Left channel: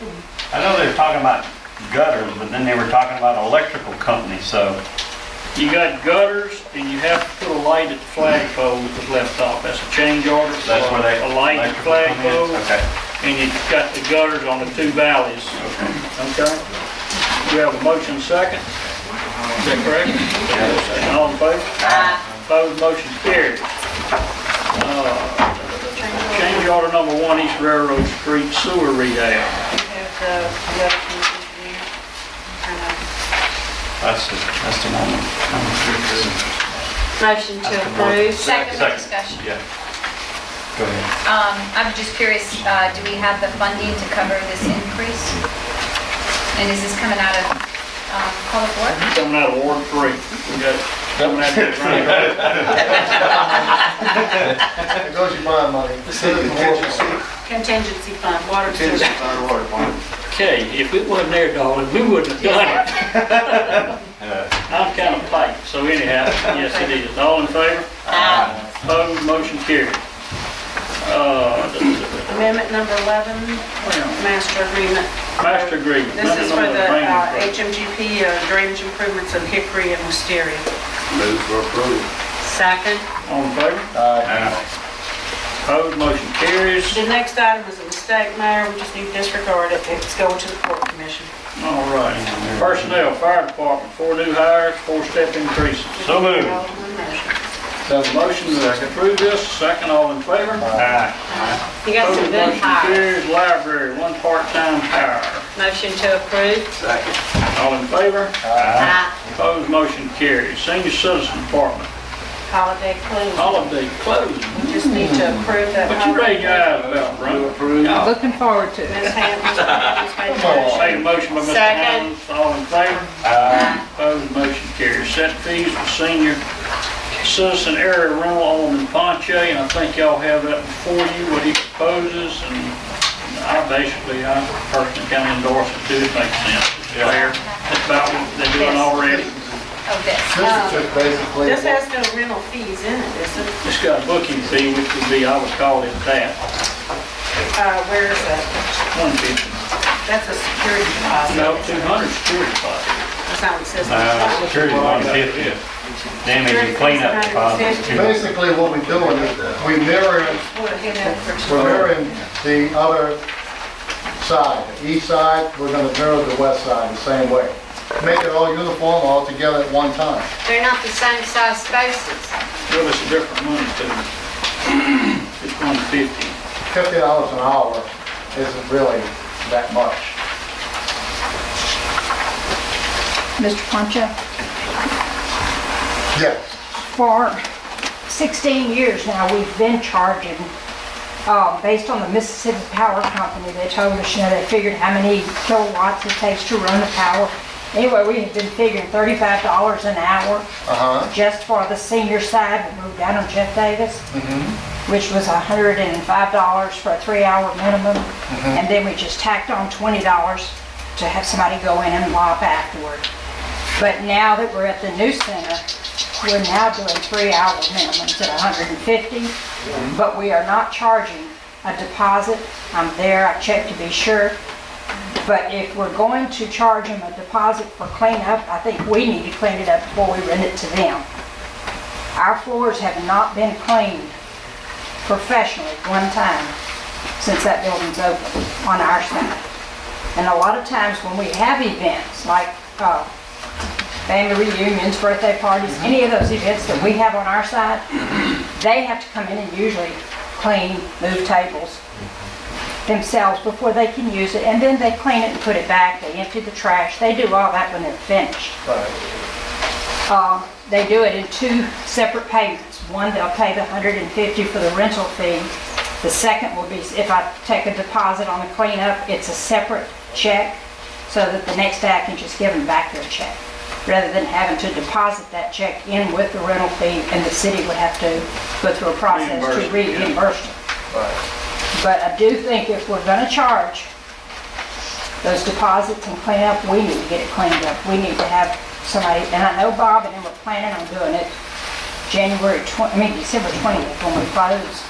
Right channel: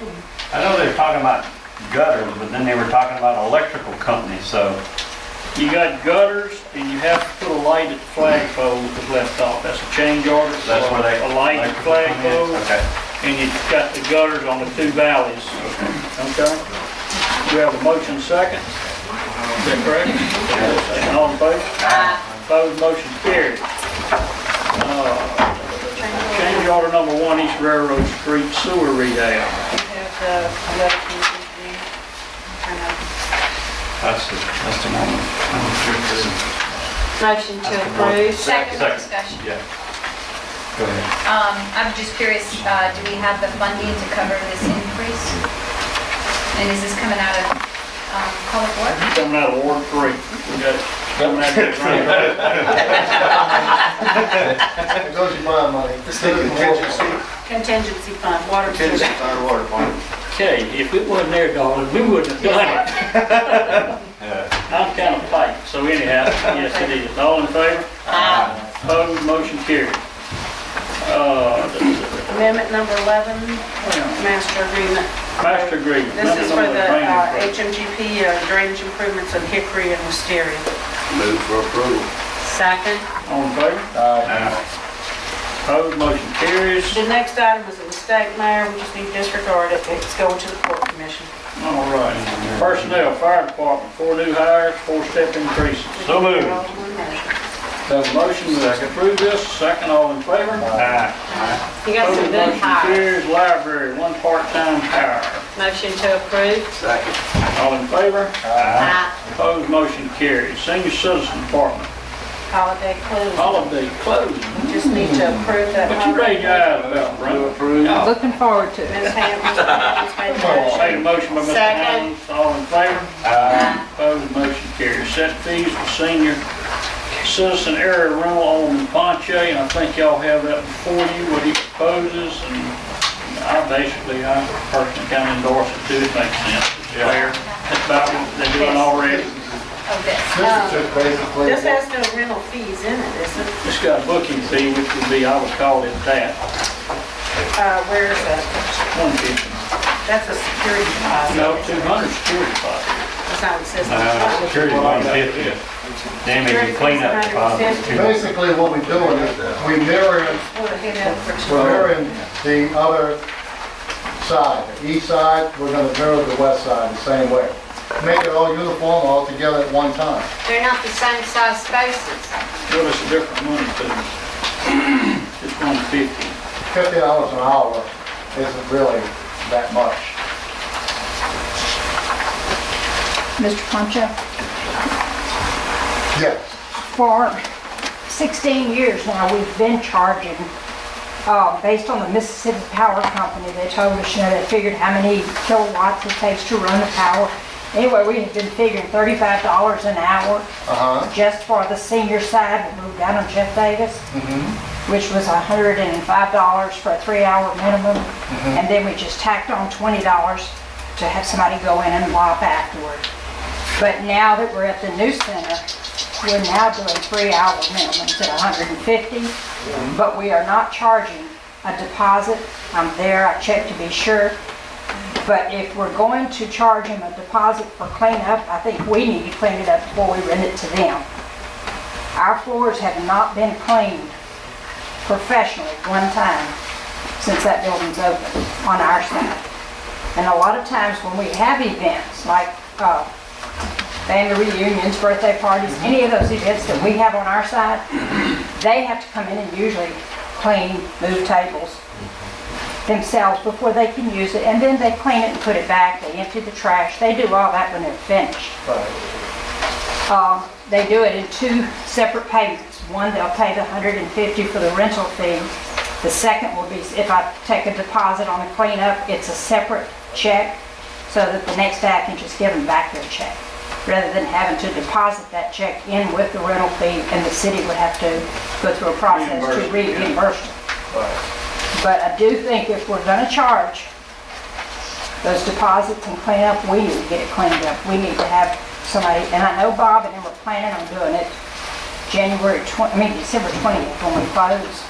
I know they were talking about gutters, but then they were talking about electrical companies, so. You got gutters, and you have to put a light at the flagpole that was left off. That's a change order. That's for where they. a light at the electrical come in? flagpole, Okay. and you've got the gutters on the two valleys. Okay? We have a motion second. Is that correct? Second, all in favor? Opposed, motion carried. Change order number 1, East Railroad Street sewer rehab. That's the one. Motion to approve. Second with discussion. Yeah. Go ahead. I'm just curious, do we have the funding to cover this increase? And is this coming out of public works? Coming out of Ward 3. We got, coming out of the grant. There goes your bond money. Contingency fund, water sewer. Contingency fund, water fund. Okay, if it wasn't there, darling, we wouldn't have done it. I'm kind of tight, so anyhow, yes it is. All in favor? Opposed, motion carried. Amendment number 11, master agreement. Master agreement. This is for the Drainage agreement. HMGP drainage improvements in Hickory and Wisteria. Move for approval. Second. All in favor? Opposed, motion carries. The next item is a mistake, Mayor. We just need to disregard it. It's going to the court commission. All right. Personnel, fire department, 4 new hires, 4-step increases. So moved. All in one motion. Have a motion to approve this, second, all in favor? You got some Opposed, good motion hires. carries. Library, 1 part-time hire. Motion to approve. Second. All in favor? Aye. Opposed, motion carries. Senior Citizen Department, Holiday closing. holiday closing. We just need to approve that. What you raise your eyes about, Brent? Approve. Looking forward to it. Ms. Hammond, please make a motion. Made a motion by Mr. Second. Hines, all in favor? Opposed, motion carries. Set fees for senior citizen area rental, Alderman Ponche, and I think y'all have that before you, what he proposes, and I personally kind of endorse it too, it makes sense, it's fair. That's about what they're doing already. Oh, this. This is just basically. This has no rental fees in it, is it? It's got a booking fee, which would be, I would call it that, Where is that? 150. That's a security deposit. No, 200 security deposit. That's not what it says. Security 150. Damage and cleanup deposit. Basically, what we're doing is we're mirroring the other side. The east side, we're gonna mirror the west side the same way. Make it all uniform, all together at one time. They're not the same size spaces. Well, it's a different money too. It's 150. $50 an hour isn't really that much. Mr. Poncha, Yes. for 16 years now, we've been charging, based on the Mississippi Power Company. They told us, they figured how many kilowatts it takes to run the power. Anyway, we have been figuring $35 an hour just for the senior side. We moved down on Jeff Davis, which was $105 for a 3-hour minimum. And then we just tacked on $20 to have somebody go in and mop afterward. But now that we're at the new center, we're now doing 3-hour minimums at $150, but we are not charging a deposit. I'm there, I checked to be sure. But if we're going to charge them a deposit for cleanup, I think we need to clean it up before we rent it to them. Our floors have not been cleaned professionally one time since that building's open on our side. And a lot of times when we have events like family reunions, birthday parties, any of those events that we have on our side, they have to come in and usually clean, move tables themselves before they can use it, and then they clean it and put it back, they empty the trash, they do all that when they're finished. They do it in 2 separate payments. One, they'll pay the $150 for the rental fee. The second will be, if I take a deposit on the cleanup, it's a separate check, so that the next day I can just give them back their check, rather than having to deposit that check in with the rental fee, and the city would have to go through a process to reimburse them. But I do think if we're gonna charge those deposits and clean up, we need to get it cleaned up. We need to have somebody, and I know Bob and them were planning on doing it December 20th when we close.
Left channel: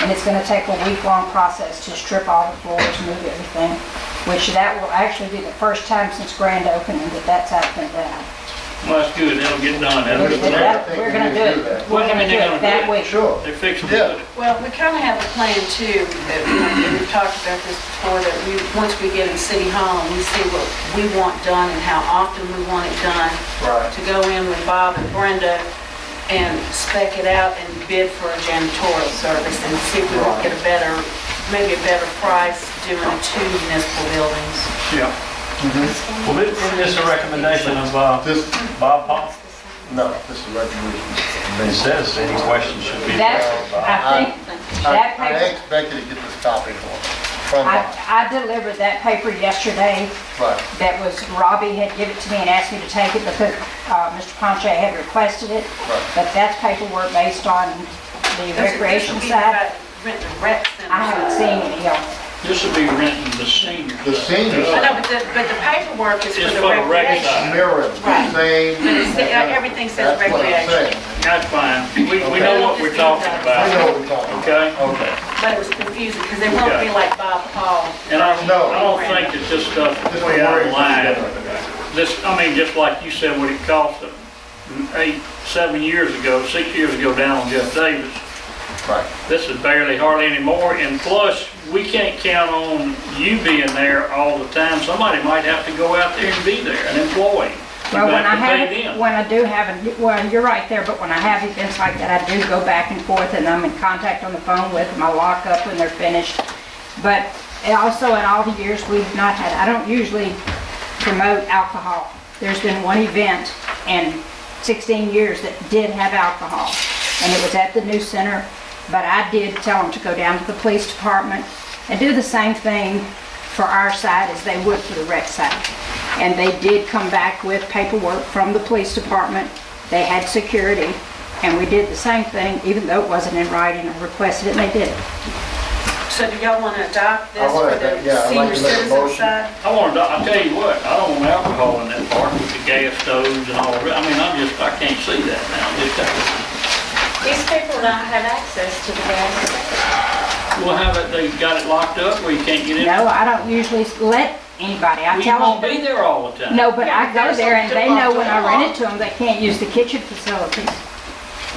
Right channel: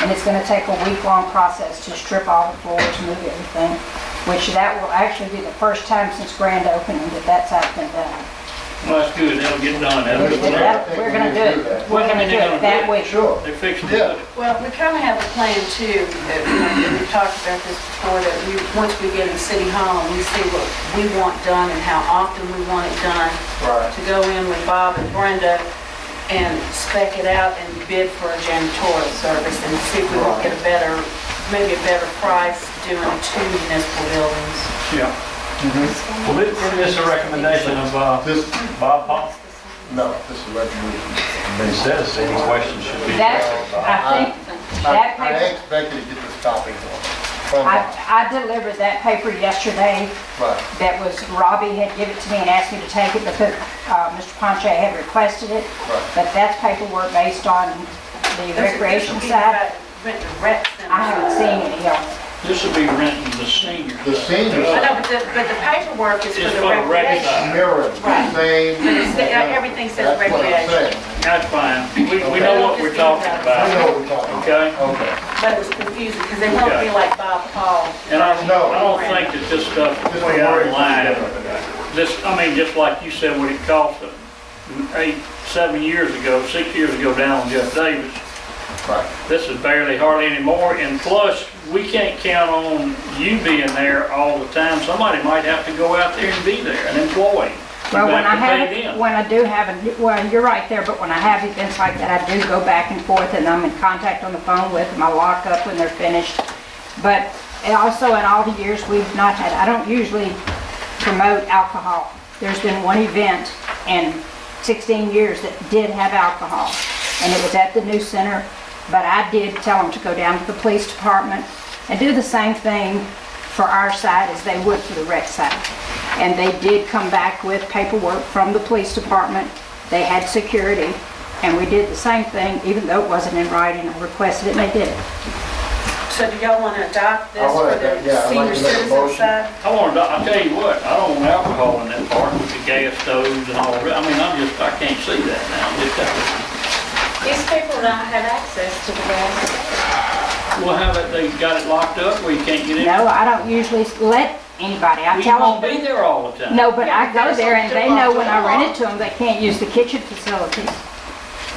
And it's gonna take a week-long process to strip all the floors, move everything. which that will actually be the first time since grand opening that that's been done. Well, that's good, that'll get done. Yeah. We're gonna do it, we're gonna do it that week. Sure. They fixed Yeah. it. Well, we kind of have a plan too, that, we've talked about this before, that once we get in City Hall and we see what we want done and how often we want it done, Right. to go in with Bob and Brenda and spec it out and bid for a janitorial service and see if we can get maybe a better price doing 2 municipal buildings. Yeah. Well, isn't this a recommendation of This, Bob Paul? no, this is resolution. It says any questions should be That, addressed by. I think, that I paper, expected to get this copy from Bob. I delivered that paper yesterday. Right. That was, Robbie had given it to me and asked me to take it because Mr. Ponche had requested it. Right. But that's paperwork based on the recreation side. Renting a rec center. I haven't seen any of it. This will be renting the senior. The senior I know, but the paperwork is It's for for the the rec recreation. side. mirrored, the Right. same. But everything says That's what I'm recreation. saying. That's fine. We know what we're talking I know about, what we're talking about. okay? Okay. But it was confusing because they won't Okay. be like Bob Paul. And I No. don't think that this stuff is This way is out where of it's line. different. This, I mean, just like you said, what it cost them 7 years ago, 6 years ago down on Jeff Davis. Right. This is barely hardly anymore, and plus, we can't count on you being there all the time. Somebody might have to go out there and be there, an employee. Well, You when I have to have, pay them. when I do have, well, you're right there, but when I have events like that, I do go back and forth and I'm in contact on the phone with them. I lock up when they're finished. But also in all the years we've not had, I don't usually promote alcohol. There's been one event in 16 years that did have alcohol, and it was at the new center. But I did tell them to go down to the police department and do the same thing for our side as they would for the rec side. And they did come back with paperwork from the police department. They had security, and we did the same thing, even though it wasn't in writing. I requested it, and they did it. So do y'all want to adopt this I wanna for the adopt- yeah, I'd like senior to make a citizen motion. side? I'll tell you what, I don't want alcohol in that part with the gas stoves and all that. I mean, I can't see that now. These people don't have access to the gas station. We'll have it, they got it locked up where you can't get in. No, I don't usually let anybody. I We tell won't them. be there all the time. No, but Yeah, I but go there's there and they something know when I locked rent up. it to them, they can't use the kitchen facilities.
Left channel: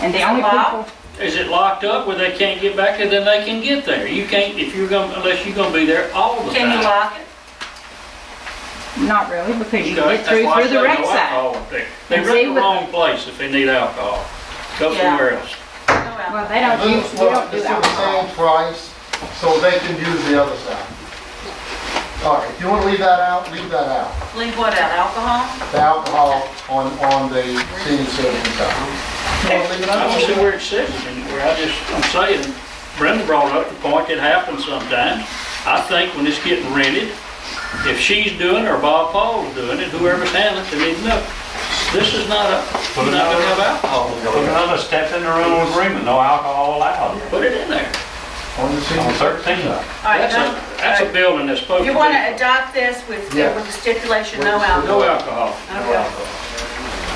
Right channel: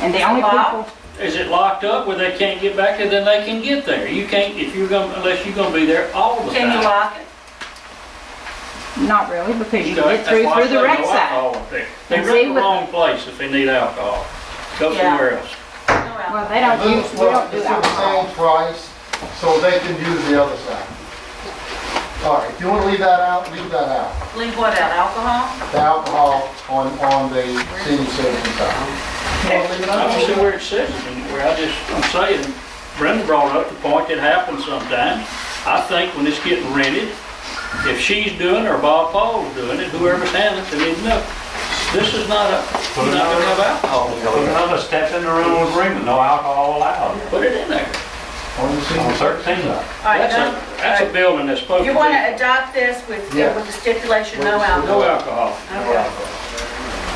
And the only locked? people, Is it locked up where they can't get back there, then they can get there? You can't, if you're gonna, unless you're gonna be there all the time. Can you lock it? not really, because you Okay, get through that's why I the say rec no side. alcohol up there. They And rent see the what- wrong place if they need alcohol. Go Yeah. somewhere else. No alcohol. Well, they don't use, we don't do It's the alcohol. same price, so they can use the other side. All right, if you want to leave that out, leave that out. Leave what out, alcohol? The alcohol on the senior citizen side. You want to leave it I don't see out? where it says it anywhere. I'm saying, Brenda brought up the point that happens sometimes. I think when it's getting rented, if she's doing it or Bob Paul's doing it, whoever's handling it, they need to know. This is not you're not gonna have alcohol. Put another step in the rental agreement, no alcohol allowed Put it in there. On the senior on citizen 13. All right, That's a building that's supposed to You be. want to adopt this with Yeah. the stipulation, no With the alcohol? No alcohol.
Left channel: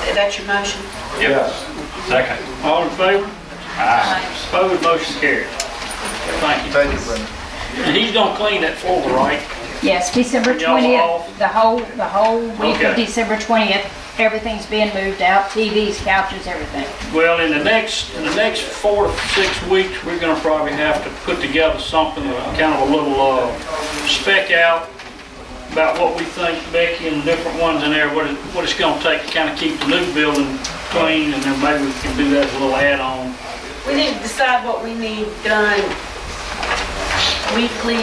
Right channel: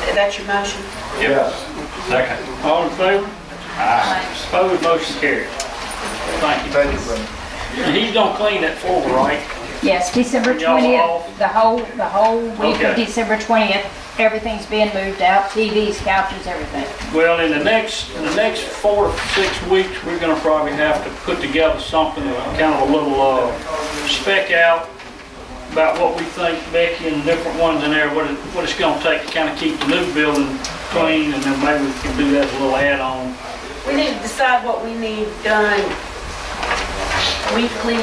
Okay. That's your motion? Yes. Second. All in favor? Aye. Opposed, motion carries. Thank you. Thank you, Brenda. And he's gonna clean that floor, right? Yes, December Y'all 20th, off? the whole week of Okay. December 20th, everything's being moved out, TVs, couches, everything. Well, in the next 4 to 6 weeks, we're gonna probably have to put together something, kind of a little spec out about what we think, Becky, and different ones in there, what it's gonna take to kind of keep the new building clean, and then maybe we can do that as a little add-on. We need to decide what we need done weekly,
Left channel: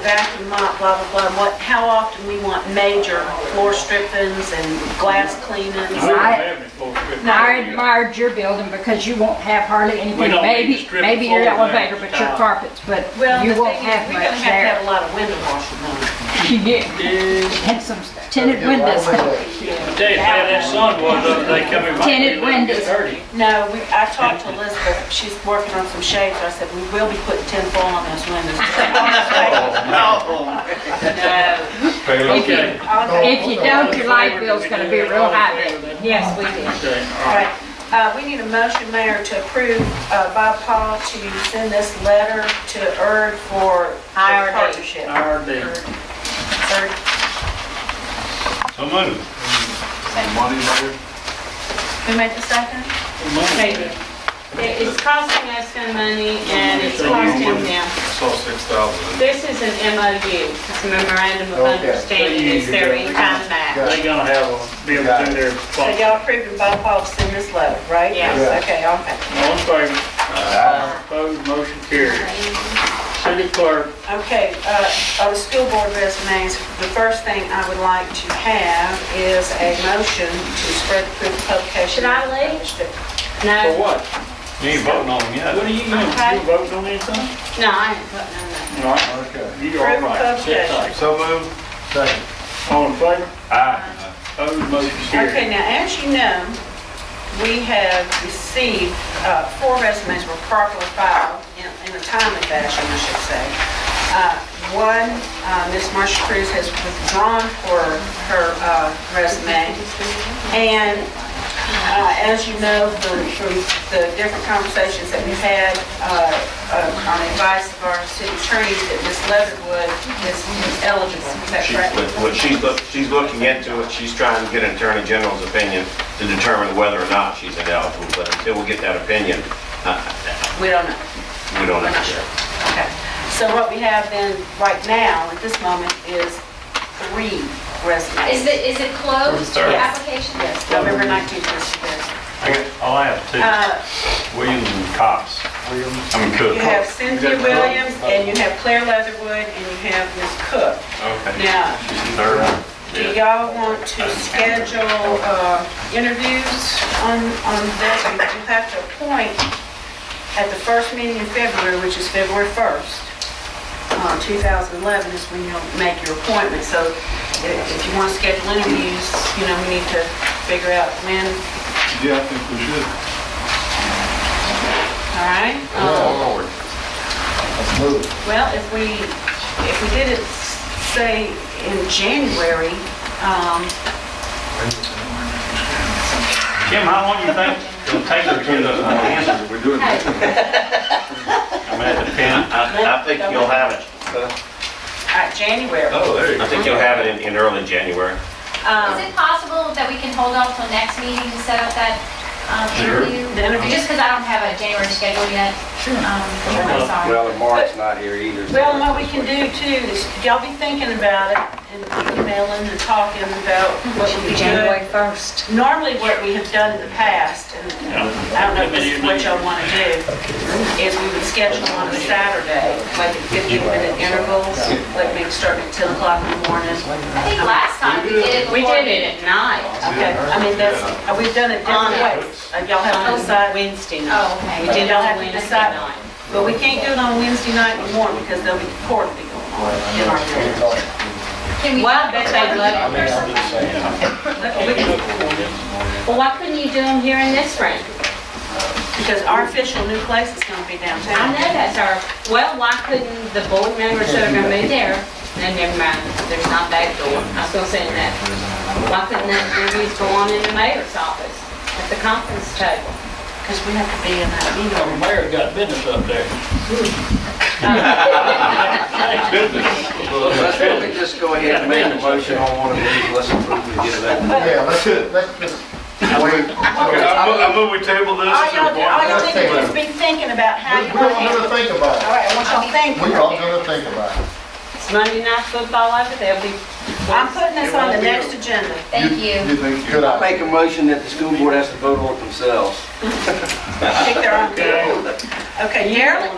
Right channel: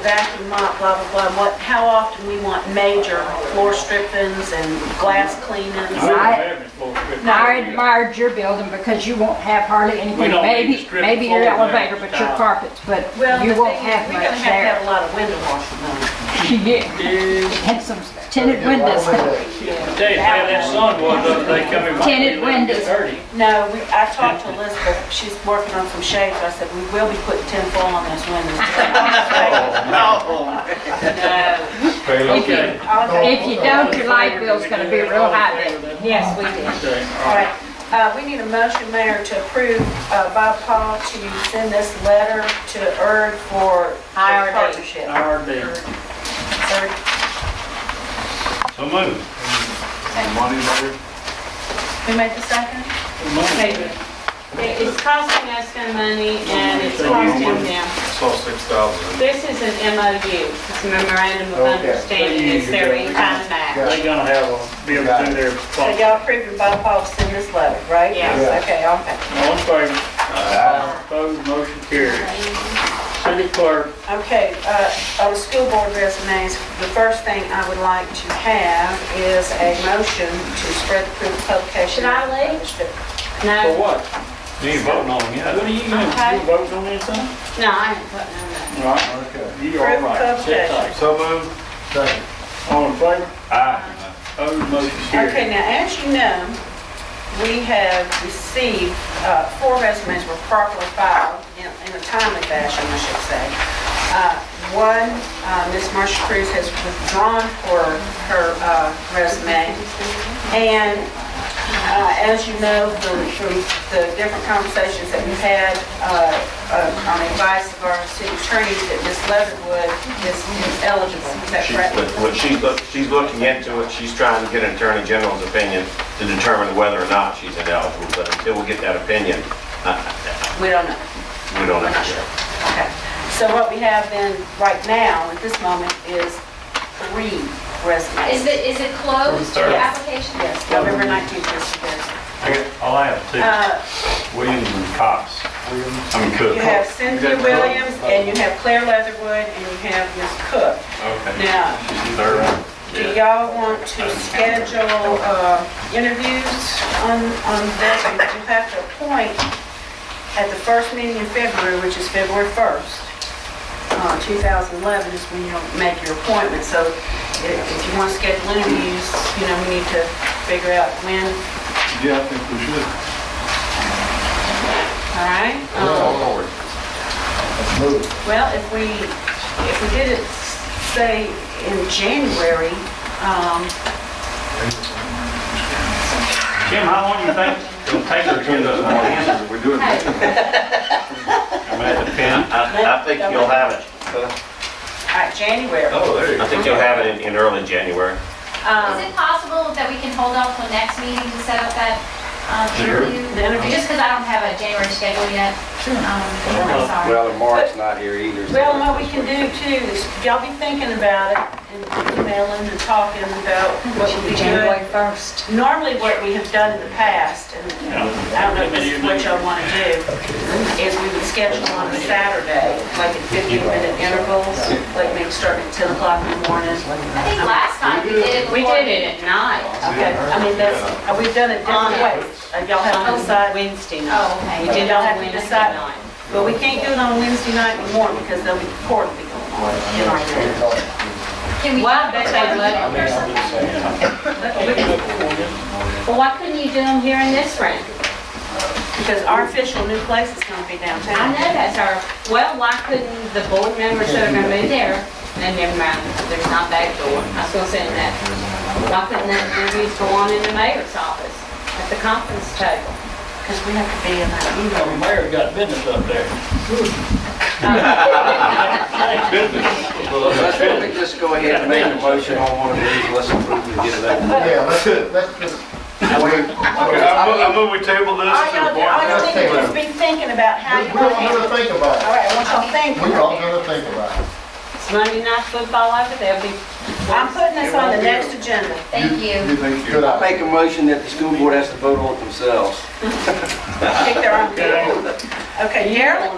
vacuum mop, blah, blah, blah, how often we want major floor strippings and glass cleanings. We don't have any floor stripping. I admired your building because you won't have hardly anything, don't need to maybe, strip maybe the your floor elevator, down. but your carpets, but Well, you the won't thing is, have we're gonna much have to have there. a lot of window washing done. Yeah, and some tinted windows. I tell you, how that sun was the other day coming by. Tinted windows. Dirty. No, I talked to Elizabeth, she's working on some shades, I said, we will be putting tin foil on those windows. No. Okay. If you don't, your light bill's gonna be real high then. Yes, we did. Okay, All right, we need a motion, Mayor, to approve Bob Paul to send this letter to ERG for IRD. partnership. IRD. Is there a moved. Who made the second? Maybe. It's costing us some money and it's costing them. saw 6,000. This is an MOU, it's a memorandum of Okay. understanding, it's their in-kind match. They gonna have a, be able to do their So function. y'all approved by Paul to send this letter, right? Yes. Okay, okay. All in favor? Opposed, motion carries. City clerk, Okay, on the school board resumes, the first thing I would like to have is a motion to spread the proof of publication. Should I leave? for No, what? You ain't voting on them yet. What are you, Okay. you voting on anything? no, I ain't putting on that. All right, Okay. you all right, sit tight. So moved. Second. All in favor? Aye. Opposed, motion Okay, carries. now, as you know, we have received, 4 resumes were properly filed in a timely fashion, I should say. One, Ms. Marsha Cruz has withdrawn for her resume. And as you know, from the different conversations that we've had on advice of our city attorney, that Ms. Leatherwood is eligible. Is that correct? She's looking into it, she's trying to get an Attorney General's opinion to determine whether or not she's ineligible, but until we get that opinion, We don't know. we don't We're know. not sure. Okay. So what we have then, right now, at this moment, is 3 resumes. Is it closed, Third. the application? Yes, November 19th is the deadline. I have 2, Williams and Cox. I mean Cook. You have Cynthia Williams, and you have Claire Leatherwood, and you have Ms. Cook. Okay. Now, She's third. do y'all want to schedule interviews on this? You have to appoint at the first meeting in February, which is February 1st. 2011 is when you'll make your appointment. So if you want to schedule interviews, we need to figure out when. Yeah, I think we should. All right? Let's move. Well, if we did it, say, in January, Jim, how long do you think it'll take her to get the answer? We're doing it. I'm at the pen. I think you'll have it, January. Oh, there you I go. think you'll have it in early January. Is it possible that we can hold off till next meeting to set up that interview? The interview? Just because I don't have a January schedule yet. I'm sorry. Well, and Mark's not here either. so- Well, what we can do too is, y'all be thinking about it and emailing and talking about what would be good. 1st. Normally, what we have done in the past, and I don't know if this is what y'all want to do, is we would schedule on a Saturday, like at 15-minute intervals, like maybe starting at 10 o'clock in the morning. I think last time we did it We before. did it at night. Okay, I mean, we've done it different ways. Y'all have to On decide. Wednesday night. Oh, okay. We did it Y'all on have to Wednesday decide. night. But we can't do it on Wednesday night anymore because there'll be court be going on in our town. Can we? Well, I bet they would. Well, why couldn't you do them here in this room? Because our official new place is going to be I downtown. know that's our, well, why couldn't the board members that are gonna be there, and never mind, there's not that door, I was gonna say that. Why couldn't the interviews go on in the mayor's office, at the conference table? Because we have to be in that The meeting. mayor got business up there. Well, let's let me just go ahead and make a motion on one of these, let's approve it, get it out. Yeah, let's just wait. Okay, I move we table this All to y'all, the all point. y'all need to do is be thinking about how you We're want to all handle gonna it. think about All it. right, I want y'all thinking. We're all gonna think about it. It's Monday night football over there, be. I'm putting this on the next agenda. Thank you. Good I idea. make a motion that the school board has to vote on it themselves. Pick their own. Okay. Okay, Darrell,